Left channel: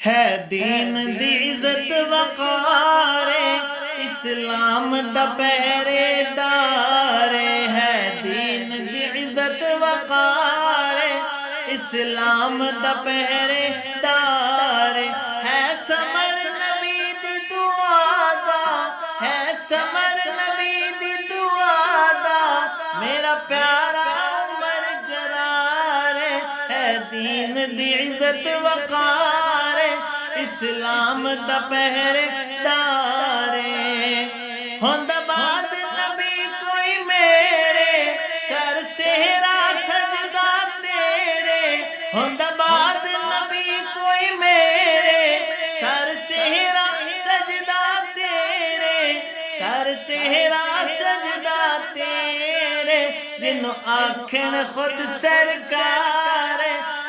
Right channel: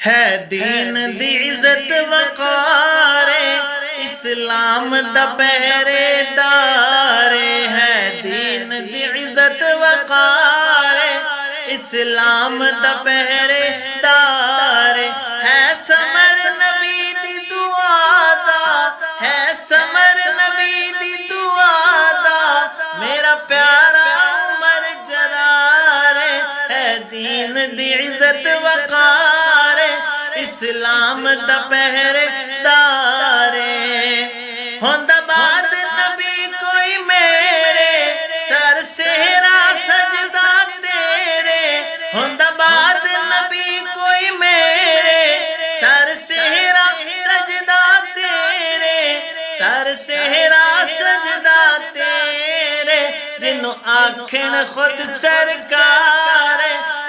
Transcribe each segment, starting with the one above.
ہے دین دی عزت وقار اسلام دا پہرے دار ہے دین دی عزت وقار اسلام دا پہرے دار ہے سمر نبی دی دعا دا ہے سمر نبی دی دعا دا میرا پیارا عمر جرار ہے دین دی عزت وقار اسلام دا پہرے دار ہوندا بعد نبی کوئی میرے سر سہرا سجدہ تیرے ہوندا بعد نبی کوئی میرے سر سہرا سجدہ تیرے سر سہرا سجدہ تیرے جنوں آکھن خود سرکار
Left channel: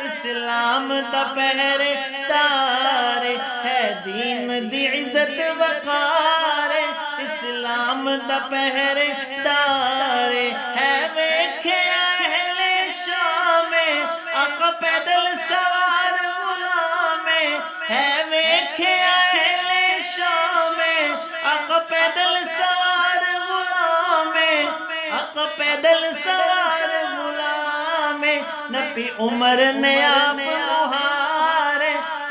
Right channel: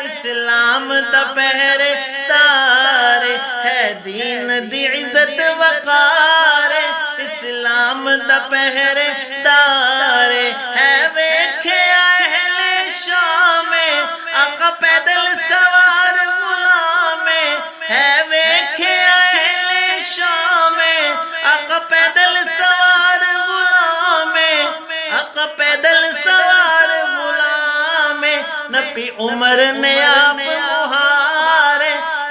اسلام دا پہرے دار ہے دین دی عزت وقار اسلام دا پہرے دار ہے ویکھیا اہل شام آقا پیدل سوار غلام ہے ویکھیا اہل شام آقا پیدل سوار غلام آقا پیدل سوار غلام نبی عمر نے آپ مہار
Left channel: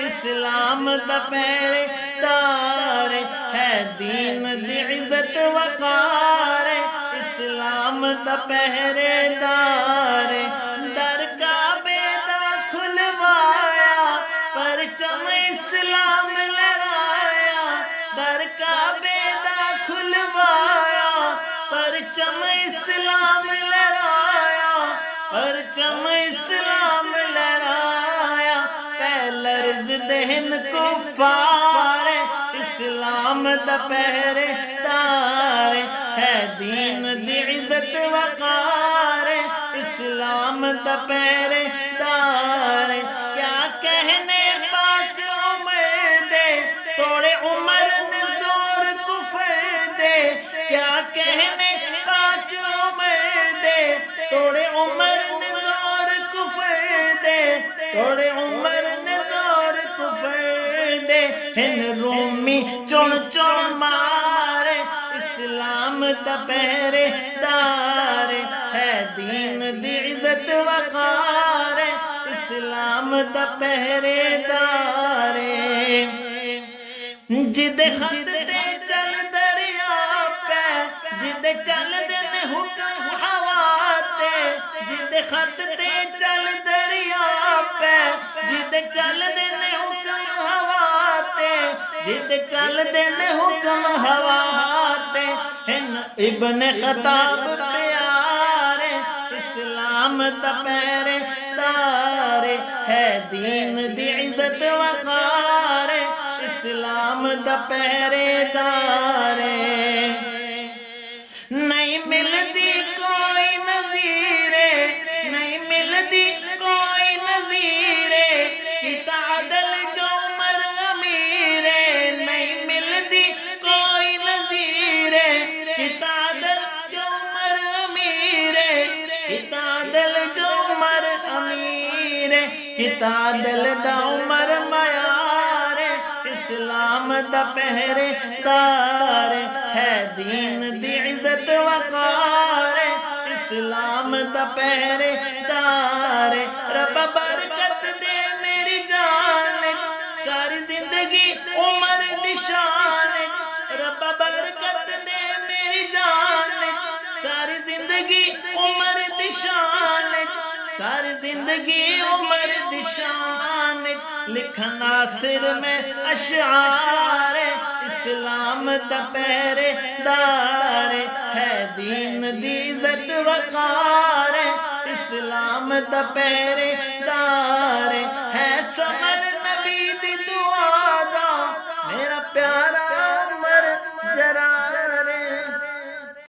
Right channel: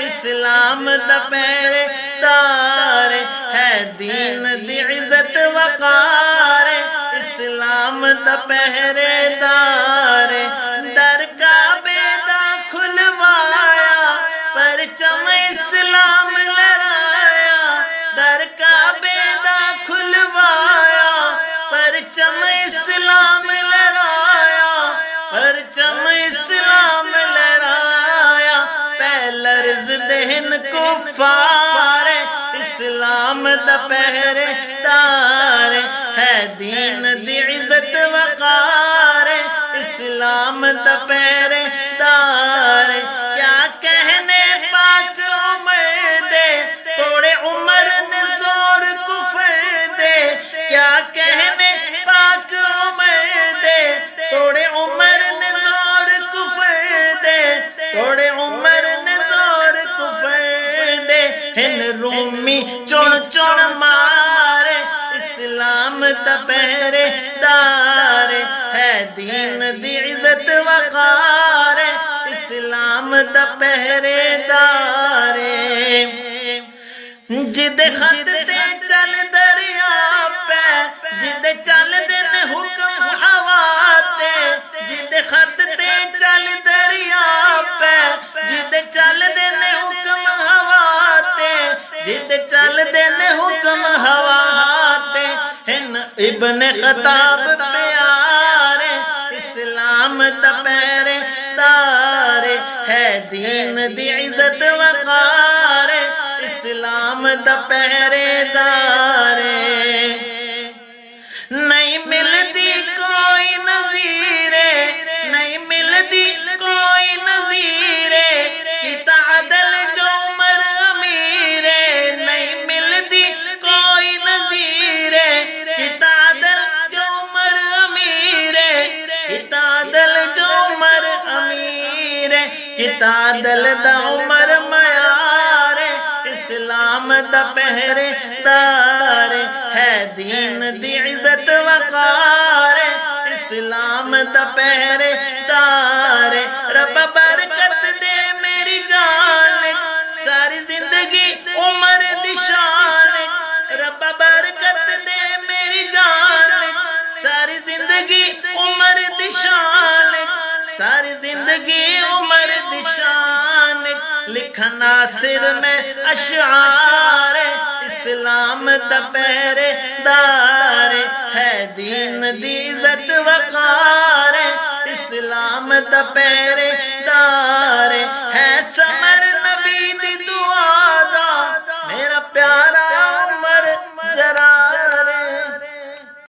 اسلام دا پہرے دار ہے دین دی عزت وقار اسلام دا پہرے دار در کعبے دا کھلوایا پرچم اسلام لہرایا در کعبے دا کھلوایا پرچم اسلام لہرایا پرچم اسلام لہرایا لرز دہن کفار اسلام دا پہرے دار ہے دین دی عزت وقار اسلام دا پہرے دار کیا کہنے پاک عمر دے توڑے عمر نے زور کفر دے کیا کہنے پاک عمر دے توڑے عمر نے زور کفر دے توڑے عمر ہن رومی چون چون مارے اسلام دا پہرے دار ہے دین دی عزت وقار اسلام دا پہرے دار جد خط تے چل دریا پہ جد چل دن حکم ہوا تے جد خط تے چل دریا پہ جد چل دن حکم ہوا جد چل دن حکم ہوا تے ہن ابن خطاب پیارے اسلام دا پہرے دار ہے دین دی عزت وقار اسلام دا پہرے دار نہیں ملتی کوئی نظیر نہیں ملتی کوئی نظیر کتا عدل جو عمر امیر نہیں ملتی کوئی نظیر کتا عدل جو عمر امیر کتا عدل جو عمر امیر کتا عدل دا عمر معیار اسلام دا پہرے دار ہے دین دی عزت وقار اسلام دا پہرے دار رب برکت دے میری جان ساری زندگی عمر دی شان رب برکت دے میری جان ساری زندگی عمر دی شان ساری زندگی عمر دی شان لکھن ناصر میں اشعار اسلام دا پہرے دار ہے دین دی عزت وقار اسلام دا پہرے